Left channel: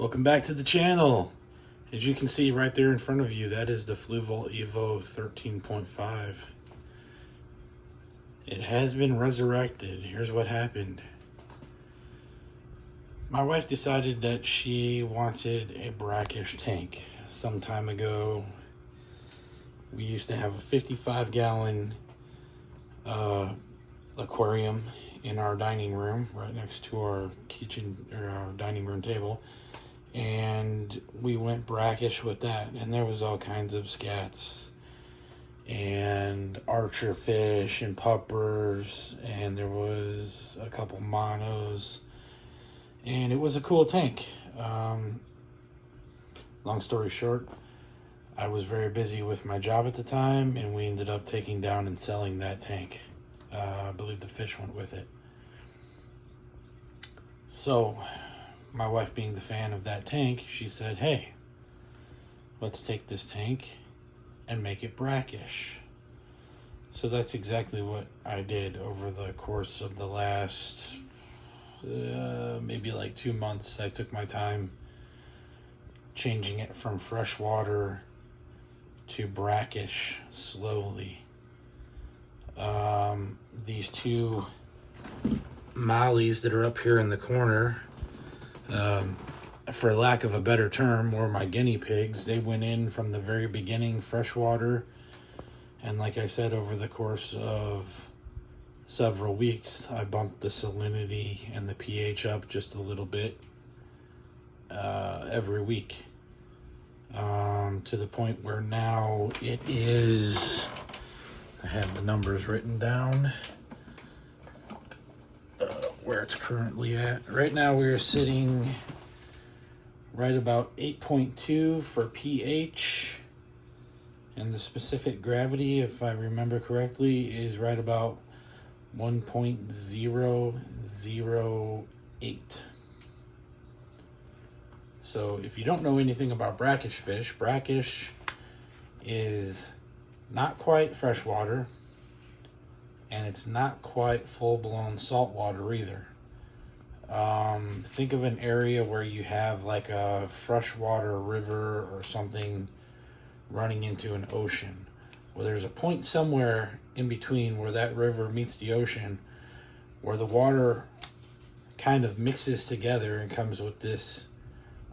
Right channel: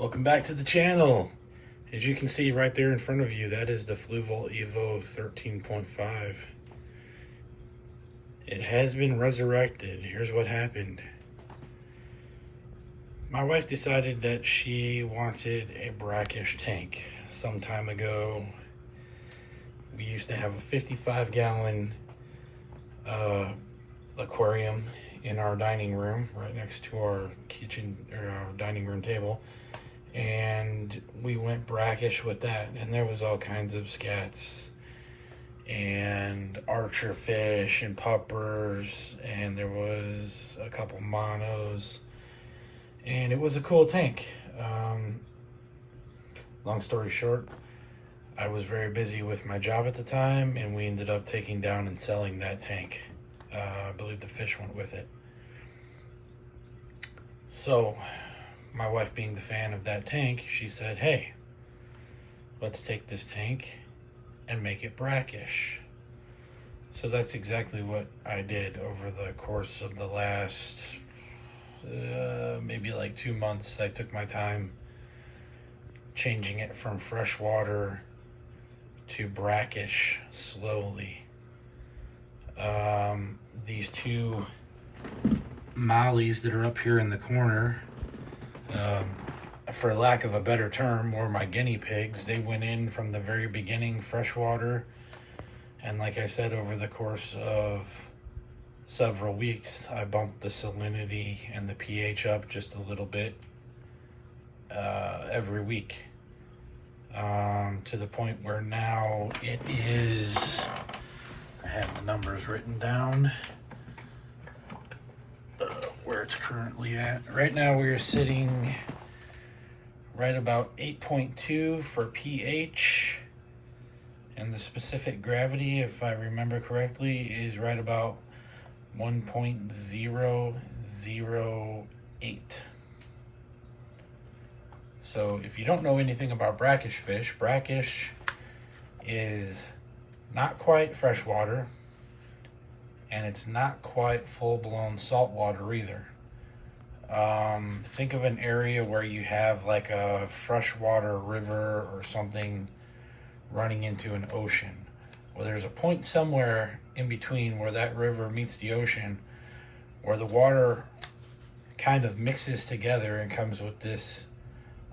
Welcome back to the channel. As you can see right there in front of you, that is the Fluval Evo 13.5. It has been resurrected. Here's what happened. My wife decided that she wanted a Brackish tank. Some time ago, we used to have a 55-gallon aquarium in our dining room, right next to our kitchen or our dining room table. And we went brackish with that, and there was all kinds of scats and archer fish and puppers, and there was a couple monos, and it was a cool tank. Long story short, I was very busy with my job at the time, and we ended up taking down and selling that tank. I believe the fish went with it. So my wife, being the fan of that tank, she said, hey, let's take this tank and make it brackish. So that's exactly what I did over the course of the last maybe like 2 months. I took my time changing it from freshwater to brackish slowly. These two mollies that are up here in the corner, for lack of a better term, were my guinea pigs. They went in from the very beginning freshwater, and like I said, over the course of several weeks, I bumped the salinity and the pH up just a little bit every week, to the point where now it is, I have the numbers written down, where it's currently at. Right now we are sitting right about 8.2 for pH, and the specific gravity, if I remember correctly, is right about 1.008. So if you don't know anything about brackish fish, brackish is not quite freshwater, and it's not quite full-blown saltwater either. Think of an area where you have like a freshwater river or something running into an ocean. Well, there's a point somewhere in between where that river meets the ocean, where the water kind of mixes together and comes with this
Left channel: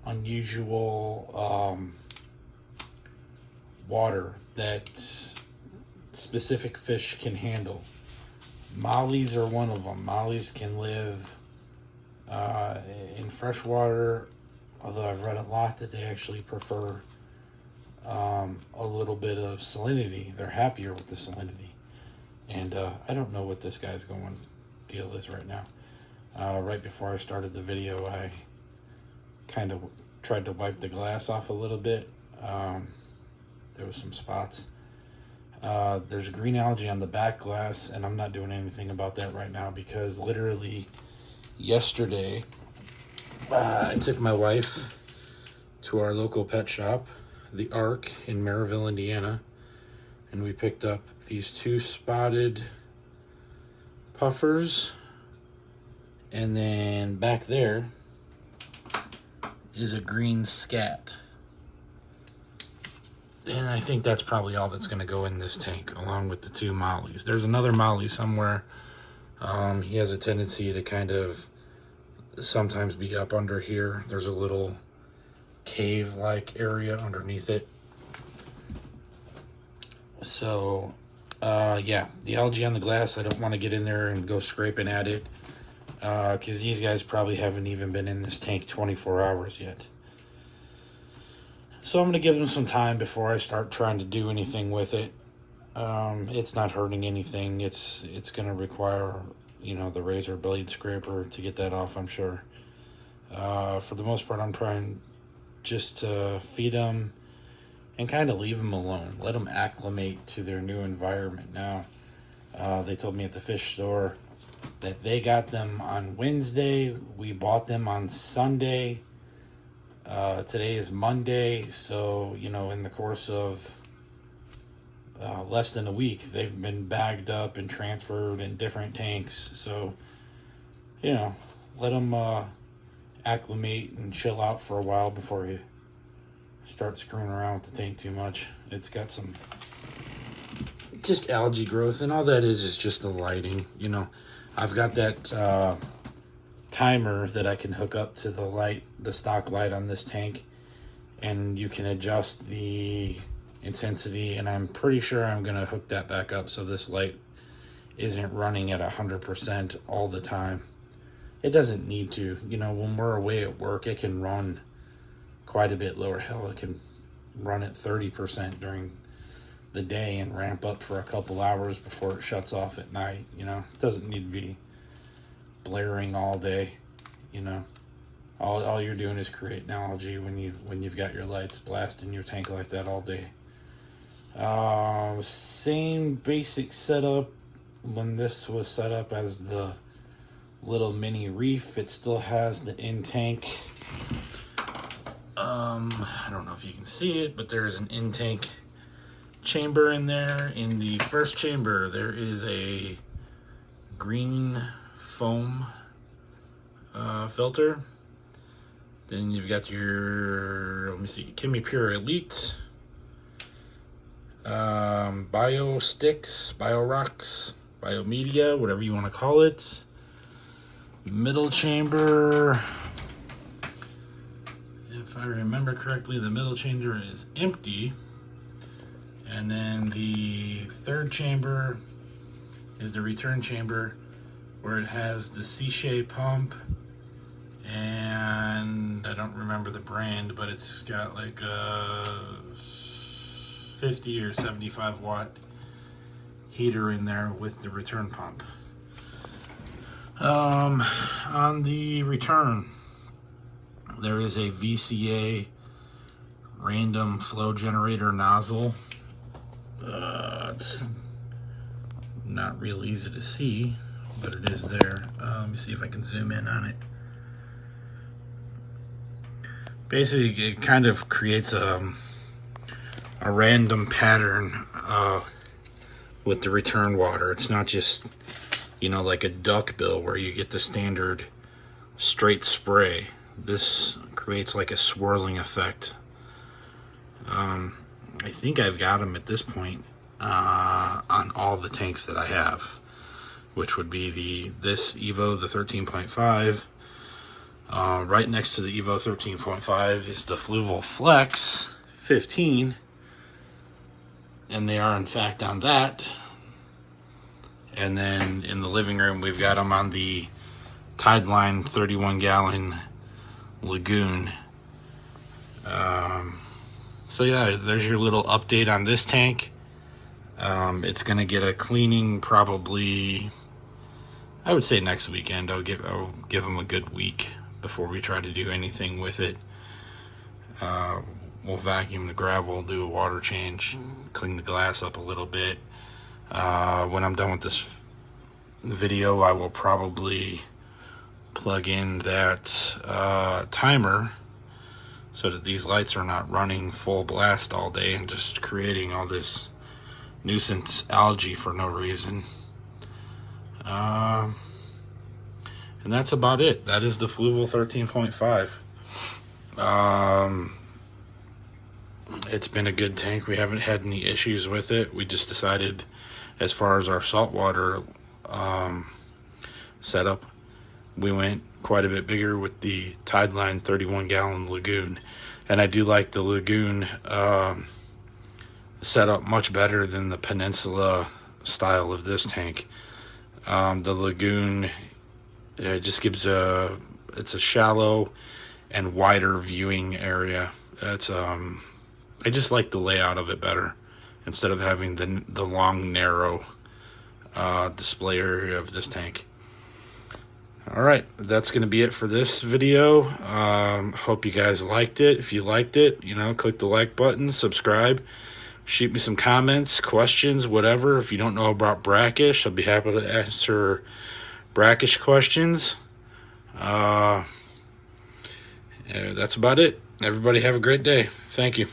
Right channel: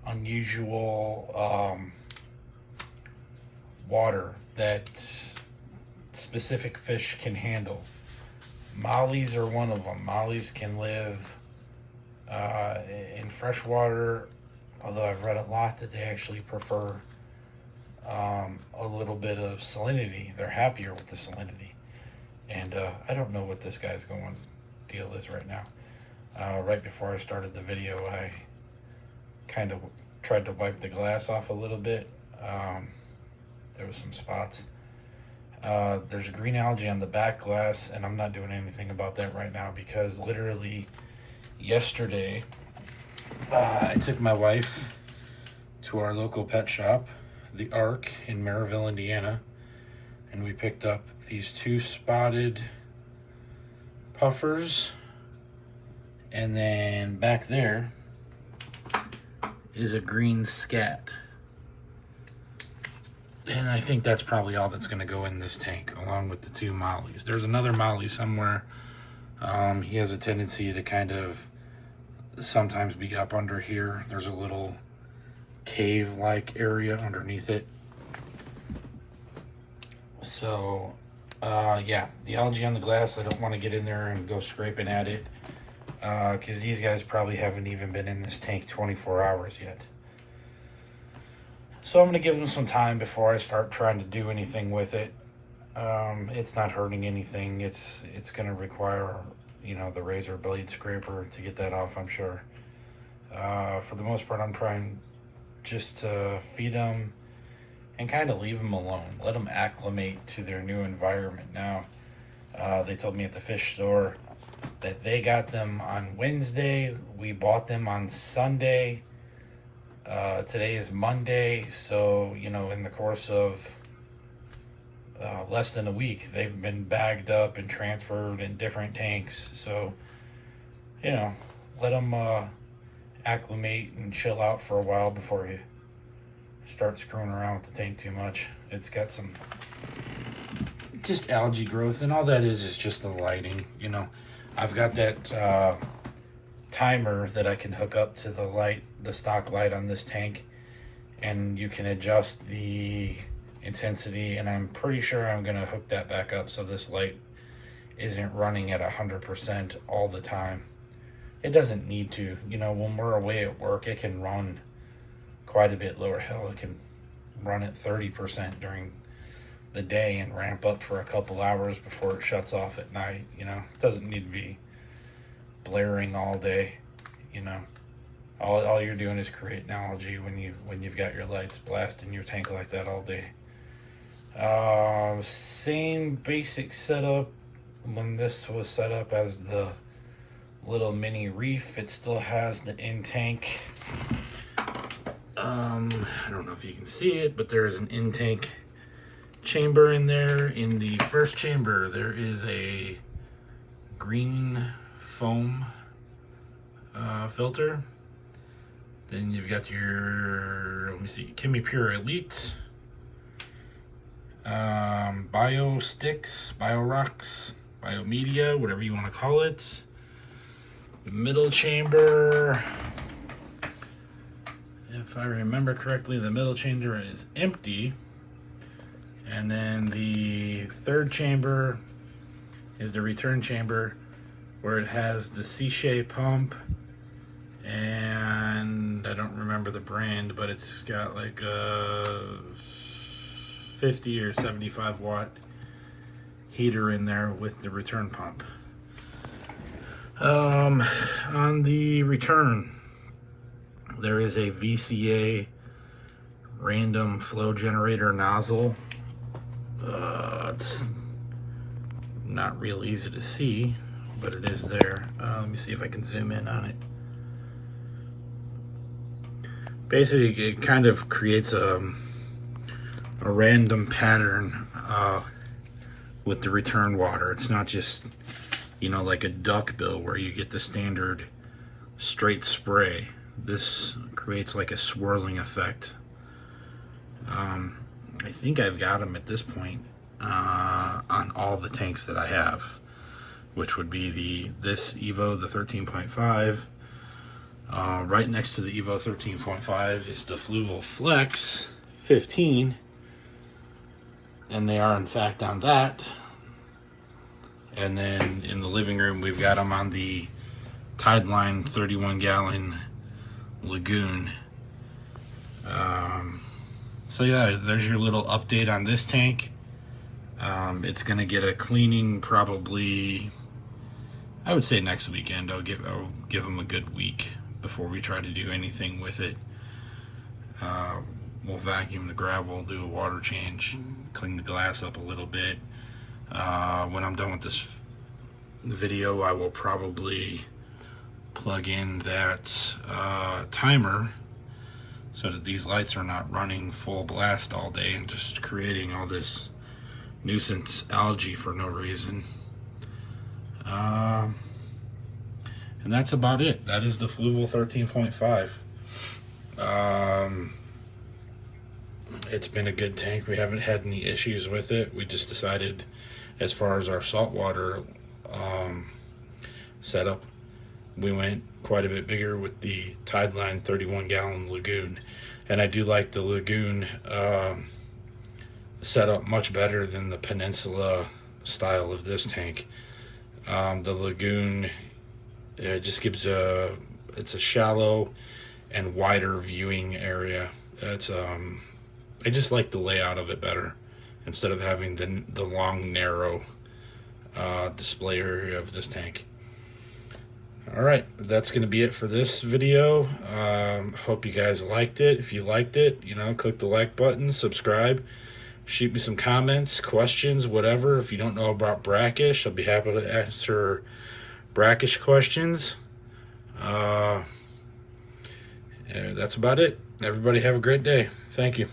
unusual water that specific fish can handle. Mollies are one of them. Mollies can live in freshwater, although I've read a lot that they actually prefer a little bit of salinity. They're happier with the salinity. And I don't know what this guy's deal is right now. Right before I started the video, I kind of tried to wipe the glass off a little bit. There was some spots. There's green algae on the back glass, and I'm not doing anything about that right now because literally yesterday I took my wife to our local pet shop, the Ark in Maryville, Indiana, and we picked up these two spotted puffers, and then back there is a green scat. And I think that's probably all that's going to go in this tank, along with the two mollies. There's another molly somewhere. He has a tendency to kind of sometimes be up under here. There's a little cave-like area underneath it. So, yeah, the algae on the glass, I don't want to get in there and go scraping at it, because these guys probably haven't even been in this tank 24 hours yet. So I'm going to give them some time before I start trying to do anything with it. It's not hurting anything. It's going to require, the razor blade scraper to get that off, I'm sure. For the most part, I'm trying just to feed them and kind of leave them alone. Let them acclimate to their new environment. Now, they told me at the fish store that they got them on Wednesday. We bought them on Sunday. Today is Monday, so in the course of less than a week, they've been bagged up and transferred in different tanks. So let them acclimate and chill out for a while before you start screwing around with the tank too much. It's got some just algae growth, and all that is just the lighting. You know, I've got that timer that I can hook up to the light, the stock light on this tank, and you can adjust the intensity, and I'm pretty sure I'm gonna hook that back up so this light isn't running at 100% all the time. It doesn't need to. You know, when we're away at work, it can run quite a bit lower. Hell, it can run at 30% during the day and ramp up for a couple hours before it shuts off at night. You know, it doesn't need to be blaring all day. You know, all you're doing is creating algae when you've got your lights blasting your tank like that all day. Same basic setup when this was set up as the little mini reef. It still has the in-tank, I don't know if you can see it, but there is an in-tank chamber in there. In the first chamber there is a green foam filter. Then you've got your, let me see, Chemi Pure Elite, Bio Sticks, Bio Rocks, Bio Media, whatever you want to call it. Middle chamber, if I remember correctly, the middle chamber is empty. And then the third chamber is the return chamber, where it has the C-shape pump, and I don't remember the brand, but it's got like a 50 or 75 watt heater in there with the return pump. On the return, there is a VCA random flow generator nozzle. It's not real easy to see, but it is there. Let me see if I can zoom in on it. Basically, it kind of creates a random pattern with the return water. It's not just, you know, like a duck bill where you get the standard straight spray. This creates like a swirling effect. I think I've got them at this point on all the tanks that I have, which would be this Evo, the 13.5. Right next to the Evo 13.5 is the Fluval Flex 15, and they are in fact on that. And then in the living room, we've got them on the Tideline 31-gallon Lagoon. So yeah, there's your little update on this tank. It's gonna get a cleaning probably, I would say next weekend. I'll give them a good week before we try to do anything with it. We'll vacuum the gravel, do a water change, clean the glass up a little bit. When I'm done with this video, I will probably plug in that timer so that these lights are not running full blast all day and just creating all this nuisance algae for no reason. And that's about it. That is the Fluval 13.5. It's been a good tank. We haven't had any issues with it. We just decided, as far as our saltwater setup, we went quite a bit bigger with the Tideline 31-gallon Lagoon. And I do like the Lagoon setup much better than the Peninsula style of this tank. The Lagoon, it just gives it's a shallow and wider viewing area. It's I just like the layout of it better, instead of having the long, narrow display area of this tank. All right, that's going to be it for this video. Hope you guys liked it. If you liked it, you know, click the like button, subscribe, shoot me some comments, questions, whatever. If you don't know about Brackish, I'll be happy to answer Brackish questions. That's about it. Everybody have a great day. Thank you.